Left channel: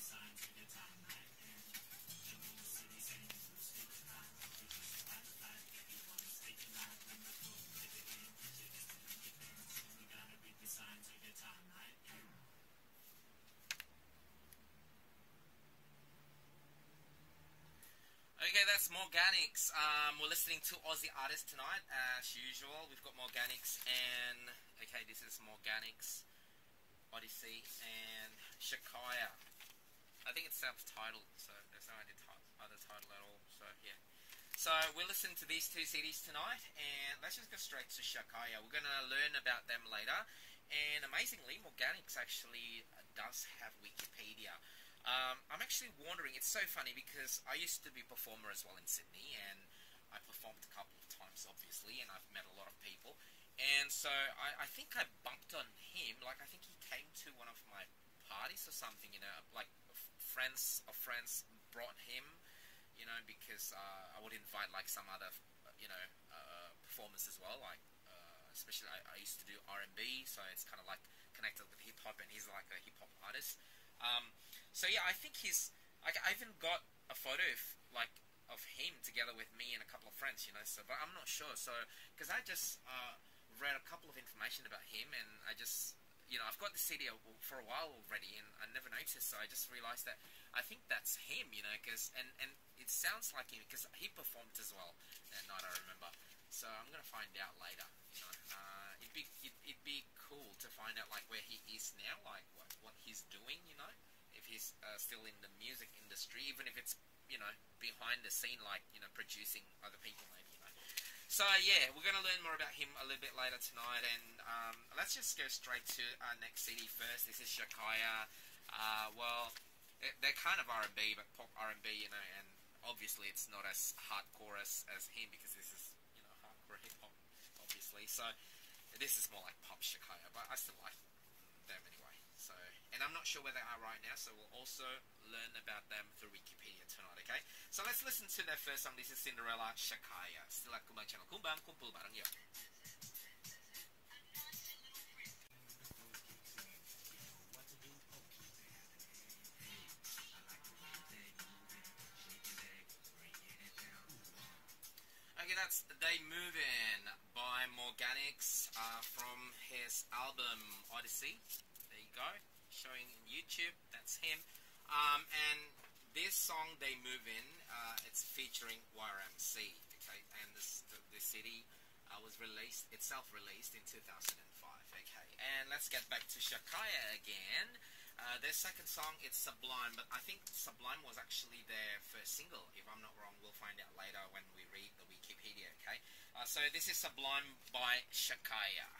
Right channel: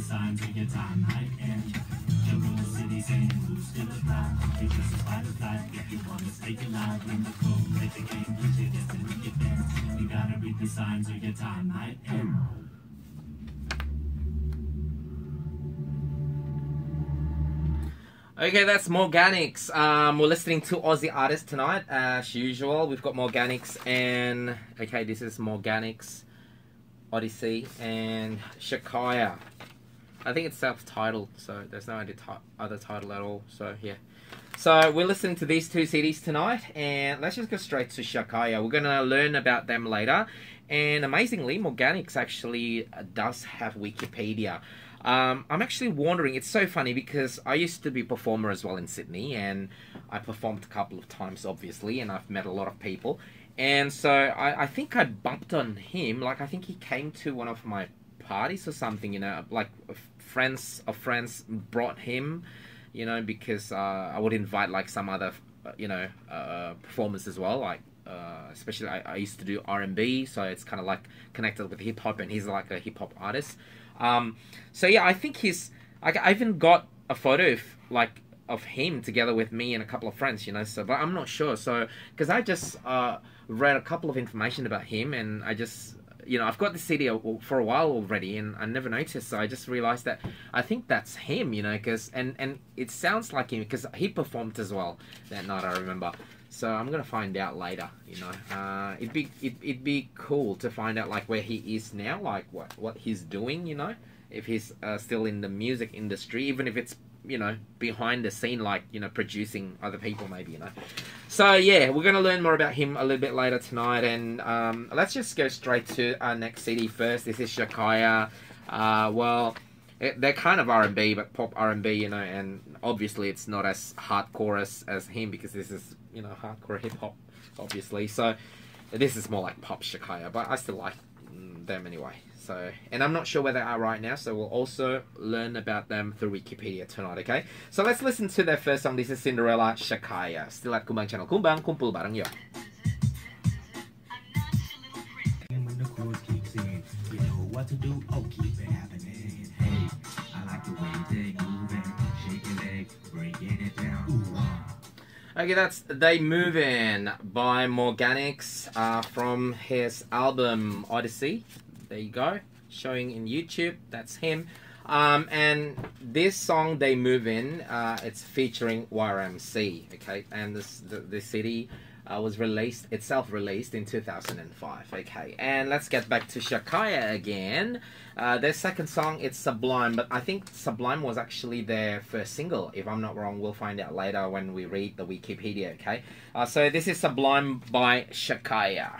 the signs of your time, night and jungle city saying who's still alive. You just fight or flight if you want to stay alive. In the cold, let the game get your destiny get bent. You gotta read the signs of your time, night and Okay, that's Morganics. We're listening to Aussie artists tonight, as usual. We've got Morganics and... Okay, this is Morganics, Odyssey, and Shakaya. I think it's self-titled, so there's no other title at all, so yeah. So we're listening to these two CDs tonight, and let's just go straight to Shakaya. We're going to learn about them later. And amazingly, Morganics actually does have Wikipedia. I'm actually wondering, it's so funny because I used to be a performer as well in Sydney, and I performed a couple of times obviously, and I've met a lot of people, and so I think I bumped on him. Like I think he came to one of my parties or something, you know, like friends of friends brought him, you know, because I would invite like some other you know performers as well, like especially I used to do R&B, so it's kind of like connected with hip-hop, and he's like a hip-hop artist. So yeah, I think I even got a photo of him together with me and a couple of friends, you know, so, but I'm not sure, so, because I just, read a couple of information about him, and I just, you know, I've got the CD for a while already, and I never noticed, so I just realized that I think that's him, you know, because, and it sounds like him, because he performed as well that night, I remember. So I'm gonna find out later, you know. It'd be cool to find out like where he is now, like what he's doing, you know, if he's still in the music industry, even if it's, you know, behind the scene, like, you know, producing other people maybe, you know. So yeah, we're gonna learn more about him a little bit later tonight, and let's just go straight to our next CD first. This is Shakaya. Well, they're kind of R&B, but pop R&B, you know, and obviously it's not as hardcore as him, because this is, you know, hardcore hip-hop, obviously. So this is more like pop Shakaya, but I still like them anyway. So, and I'm not sure where they are right now, so we'll also learn about them through Wikipedia tonight, okay? So let's listen to their first song. This is Cinderella, Shakaya. Still at Kumbang Channel. Kumbang, kumpul bareng yuk. when the chorus kicks in, you know what to do. Oh, keep it happening. Hey, I like the way they move and shake your leg, breaking it down. Ooh. Okay, that's They Movin' by Morganics from his album Odyssey. There you go, showing in YouTube. That's him. And this song They Movin', it's featuring YRMC. Okay, and this CD was released, it's self-released in 2005. Okay, and let's get back to Shakaya again. Their second song, it's Sublime, but I think Sublime was actually their first single, if I'm not wrong. We'll find out later when we read the Wikipedia, okay? So this is Sublime by Shakaya.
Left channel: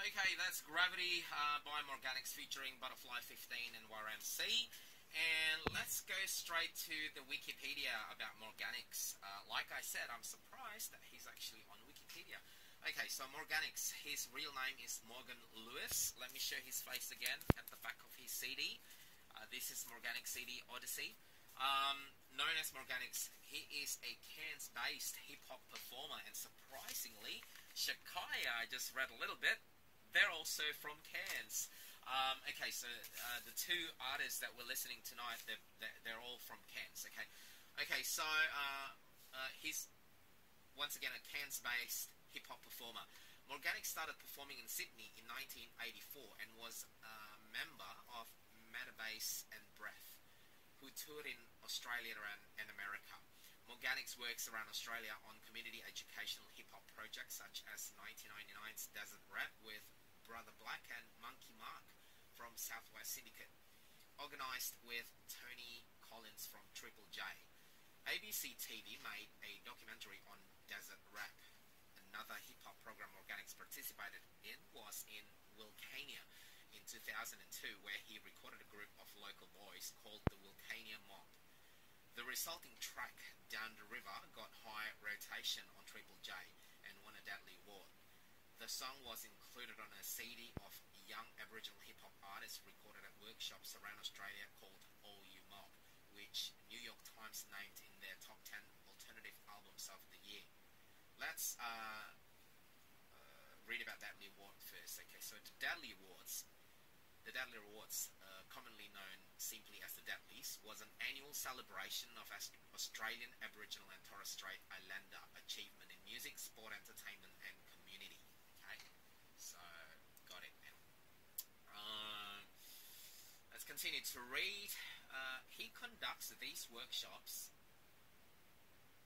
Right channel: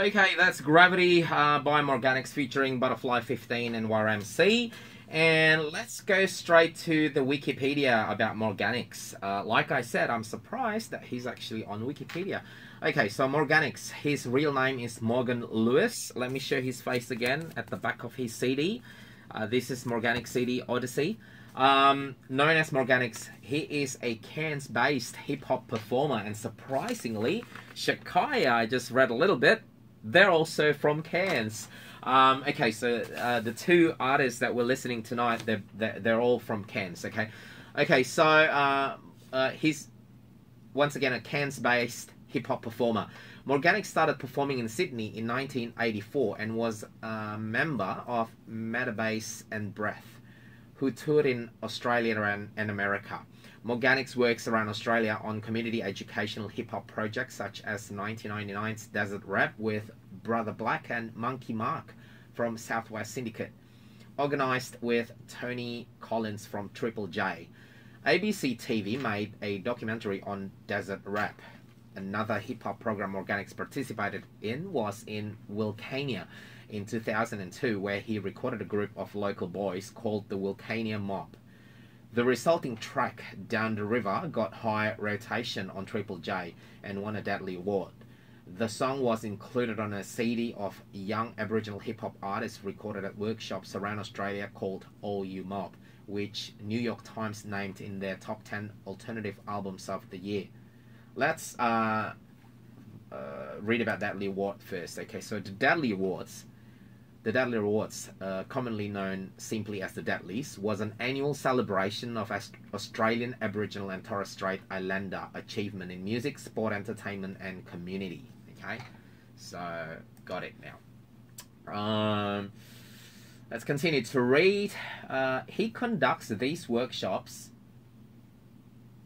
Okay, that's Gravity by Morganics featuring Butterfly 15 and YRMC. And let's go straight to the Wikipedia about Morganics. Like I said, I'm surprised that he's actually on Wikipedia. Okay, so Morganics, his real name is Morgan Lewis. Let me show his face again at the back of his CD. This is Morganics CD Odyssey. Known as Morganics, he is a Cairns-based hip-hop performer, and surprisingly, Shakaya, I just read a little bit, they're also from Cairns. Okay, so the two artists that we're listening tonight, they're all from Cairns. Okay, so he's once again a Cairns-based hip-hop performer. Morganics started performing in Sydney in 1984 and was a member of Metabase and Breath, who toured in Australia and America. Morganics works around Australia on community educational hip-hop projects such as 1999's Desert Rap with Brother Black and Monkey Mark from Southwest Syndicate, organised with Tony Collins from Triple J. ABC TV made a documentary on Desert Rap. Another hip-hop program Morganics participated in was in Wilcania in 2002, where he recorded a group of local boys called the Wilcania Mob. The resulting track, Down the River, got high rotation on Triple J and won a Deadly Award. The song was included on a CD of young Aboriginal hip-hop artists recorded at workshops around Australia called All You Mob, which New York Times named in their top 10 alternative albums of the year. Let's read about Dudley Award first. Okay, so the Dudley Awards, commonly known simply as the Dudleys, was an annual celebration of Australian Aboriginal and Torres Strait Islander achievement in music, sport, entertainment, and community. Okay, so got it now. Let's continue to read. He conducts these workshops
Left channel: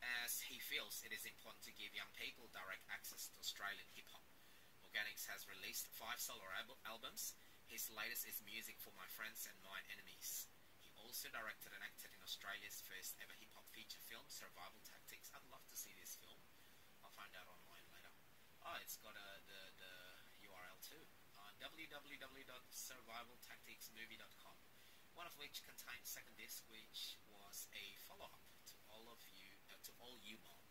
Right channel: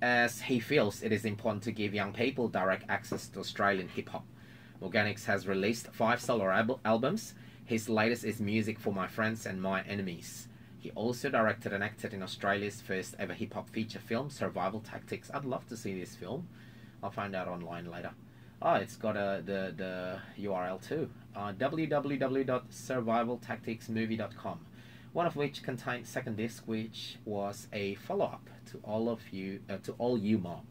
as he feels it is important to give young people direct access to Australian hip-hop. Morganics has released 5 solo albums. His latest is Music for My Friends and My Enemies. He also directed and acted in Australia's first ever hip-hop feature film, Survival Tactics. I'd love to see this film. I'll find out online later. Oh, it's got the URL too. www.survivaltacticsmovie.com, one of which contained second disc, which was a follow-up to All You Mob,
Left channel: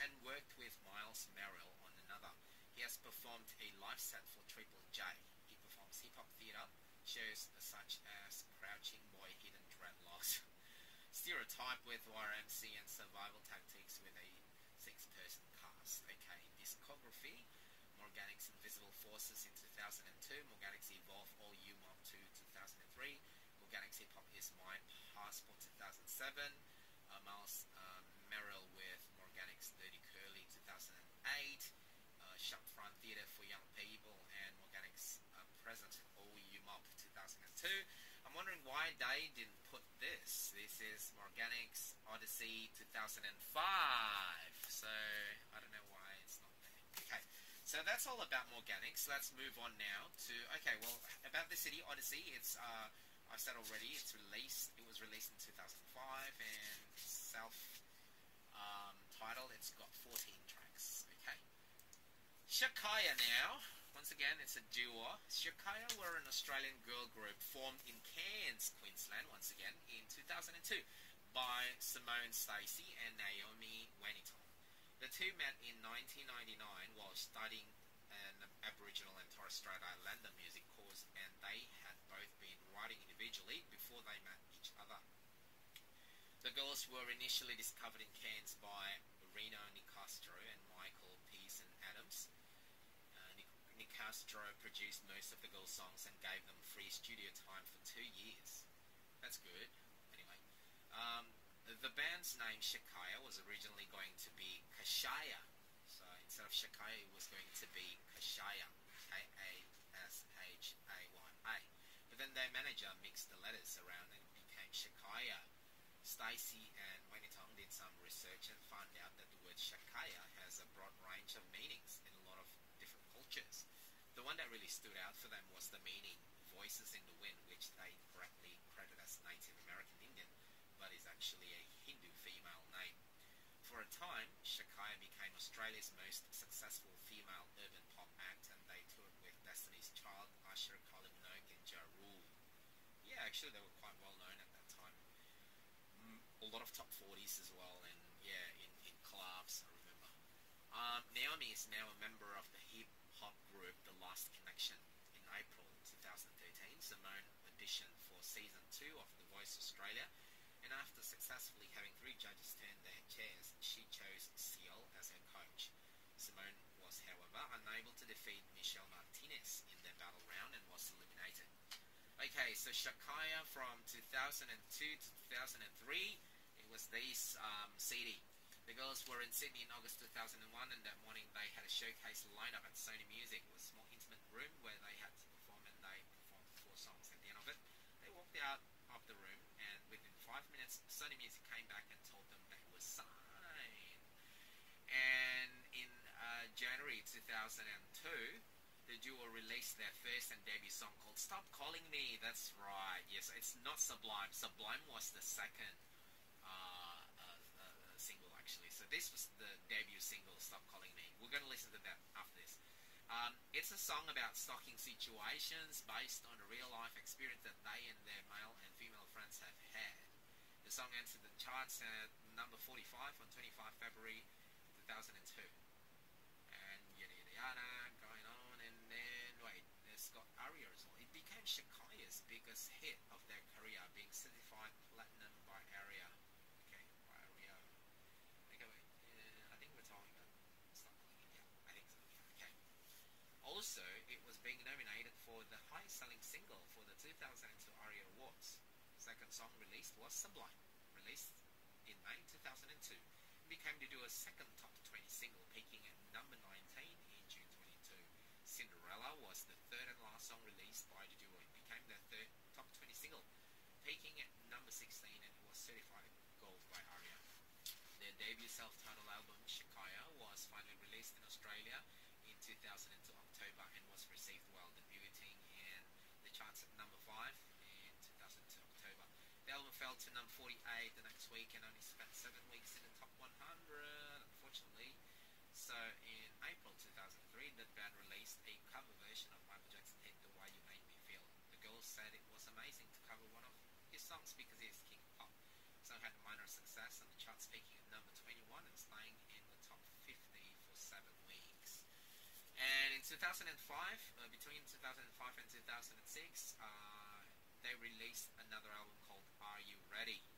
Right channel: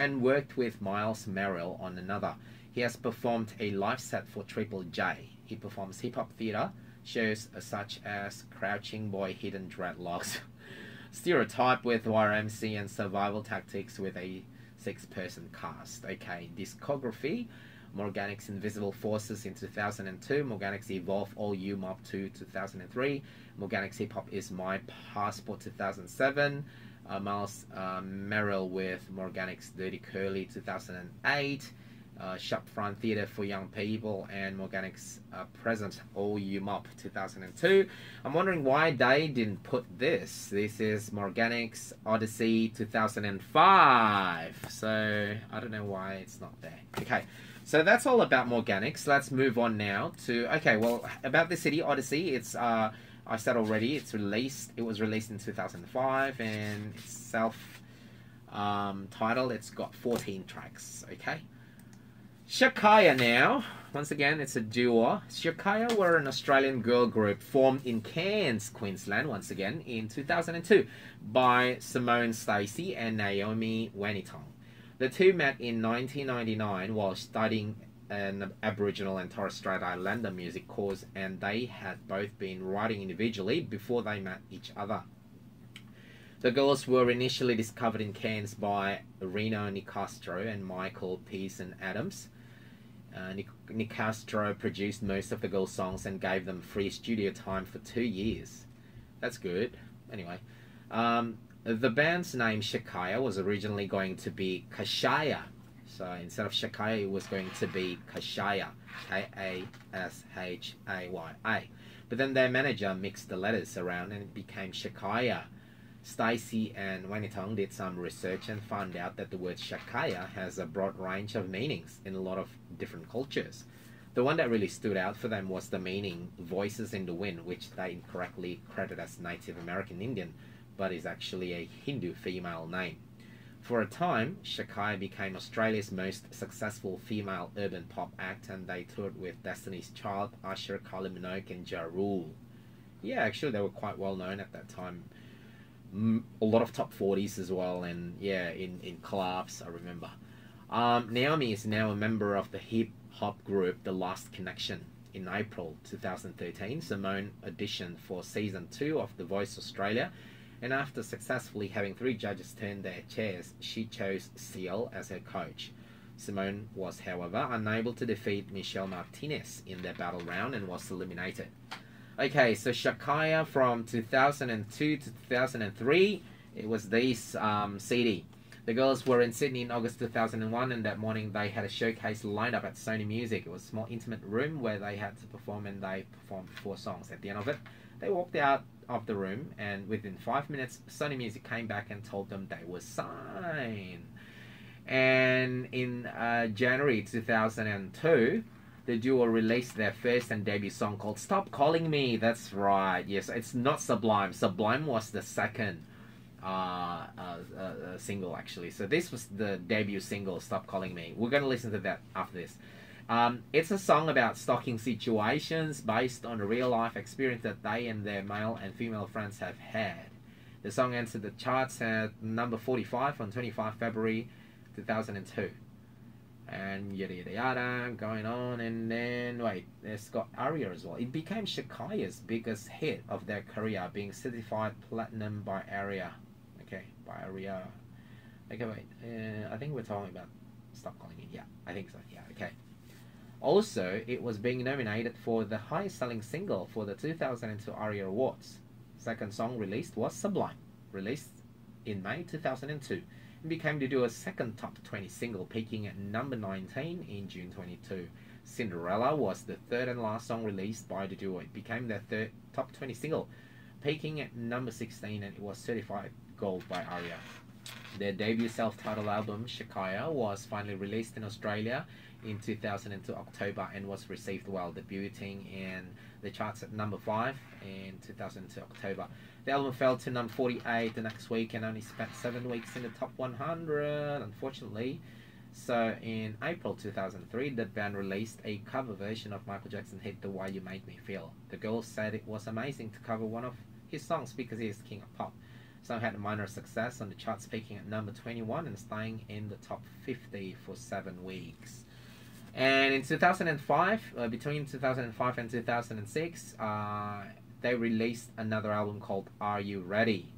and worked with Miles Merrill on another. He has performed a live set for Triple J. He performs hip-hop theatre shows such as Crouching Boy, Hidden Dreadlocks, Stereotype with YMC, and Survival Tactics with a 6-person cast. Okay, discography: Morganics Invisible Forces in 2002, Morganics Evolve All You Mob 2 2003, Morganics Hip Hop Is My Passport 2007, Miles Merrill with Morganics Dirty Curly 2008, Shopfront Theatre for Young People, and Morganics Present All You Mob 2002. I'm wondering why they didn't put this. This is Morganics Odyssey 2005. So I don't know why it's not there. Okay, so that's all about Morganics. Let's move on now to, okay, well, about the city Odyssey. It's I said already, it was released in 2005, and it's self-titled. It's got 14 tracks. Okay, Shakaya now. Once again, it's a duo. Shakaya were an Australian girl group formed in Cairns, Queensland, once again, in 2002 by Simone Stacey and Naomi Wanitong. The two met in 1999 while studying an Aboriginal and Torres Strait Islander music course, and they had both been writing individually before they met each other. The girls were initially discovered in Cairns by Reno Nicastro and Michael Pearson Adams. Nicastro produced most of the girls' songs and gave them free studio time for 2 years. That's good. Anyway, the band's name Shakaya was originally going to be Kashaya. So instead of Shakaya, it was going to be Kashaya, Kashaya. But then their manager mixed the letters around and it became Shakaya. Stacey and Wanitong did some research and found out that the word Shakaya has a broad range of meanings in a lot of different cultures. The one that really stood out for them was the meaning Voices in the Wind, which they incorrectly credit as Native American Indian, but is actually a Hindu female name. For a time, Shakaya became Australia's most successful female urban pop act, and they toured with Destiny's Child, Usher, Kylie Minogue, and Ja Rule. Yeah, actually they were quite well known at that time. A lot of top 40s as well, and yeah, in clubs, I remember. Naomi is now a member of the hip-hop group The Last Connection. In April 2013, Simone auditioned for Season 2 of The Voice Australia, and after successfully having 3 judges turn their chairs, she chose Seal as her coach. Simone was, however, unable to defeat Michelle Martinez in their battle round and was eliminated. Okay, so Shakaya from 2002 to 2003, it was this CD. The girls were in Sydney in August 2001, and that morning they had a showcase lined up at Sony Music. It was a small intimate room where they had to perform, and they performed 4 songs. At the end of it, they walked out of the room, and within 5 minutes, Sony Music came back and told them they were signed. And in January 2002, the duo released their first and debut song called Stop Calling Me. That's right. Yes, it's not Sublime. Sublime was the second single, actually. So this was the debut single, Stop Calling Me. We're going to listen to that after this. It's a song about stalking situations based on a real-life experience that they and their male and female friends have had. The song entered the charts at number 45 on 25 February 2002. and yada yada yada, going on. And then wait, it's got Aria as well. It became Shakaya's biggest hit of their career, being certified platinum by Aria. Okay, by Aria. Okay, wait. I think we're talking about. Stop calling it. Yeah, I think so. Yeah. Okay. Also, it was being nominated for the highest selling single for the 2002 ARIA Awards. Second song released was Sublime, released in May 2002. It became the duo's second top 20 single, peaking at number 19 in June 22. Cinderella was the third and last song released by the duo. It became their third top 20 single, peaking at number 16, and it was certified gold by ARIA. Their debut self-titled album, Shakaya, was finally released in Australia in 2002 October and was received well, debuting in the charts at number 5 in 2002 October. The album fell to number 48 the next week and only spent 7 weeks in the top 100, unfortunately. So in April 2003, the band released a cover version of Michael Jackson's hit The Way You Make Me Feel. The girls said it was amazing to cover one of his songs because he is king of pop. The song had a minor success on the charts, peaking at number 21 and staying in the top 50 for 7 weeks. And in 2005, between 2005 and 2006, they released another album called Are You Ready?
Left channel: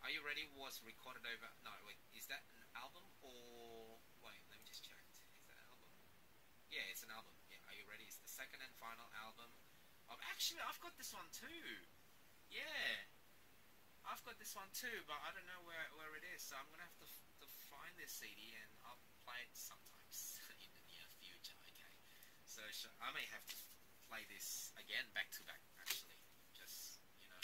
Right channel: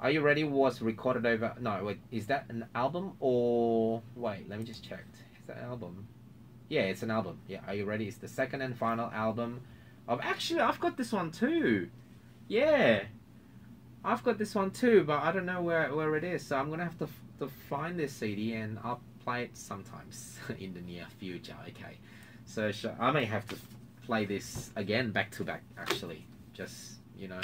Are You Ready was recorded over... No, wait, is that an album or... Wait, let me just check. Is that an album? Yeah, it's an album. Yeah, Are You Ready is the second and final album of... Actually, I've got this one too. Yeah, I've got this one too, but I don't know where it is. So I'm going to have to find this CD and I'll play it sometimes in the near future. Okay, so I may have to play this again back to back, actually, just, you know,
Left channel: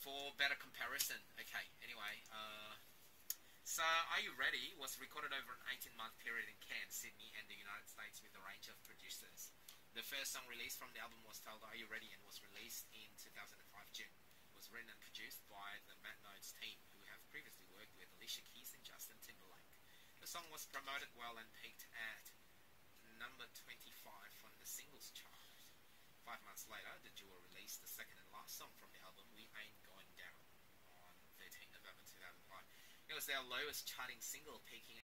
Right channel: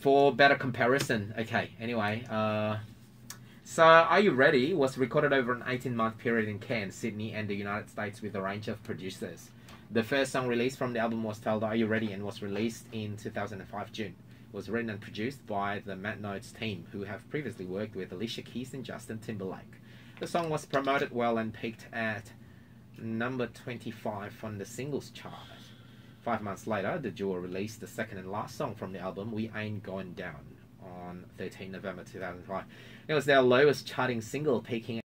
for better comparison. Okay, anyway, so Are You Ready was recorded over an 18-month period in Cairns, Sydney and the United States with a range of producers. The first song released from the album was titled Are You Ready and was released in 2005 June. It was written and produced by the Mad Notes team, who have previously worked with Alicia Keys and Justin Timberlake. The song was promoted well and peaked at number 25 on the singles chart. 5 months later, the duo released the second and last song from the album, We Ain't Going Down, on 13 November 2005. It was their lowest charting single, peaking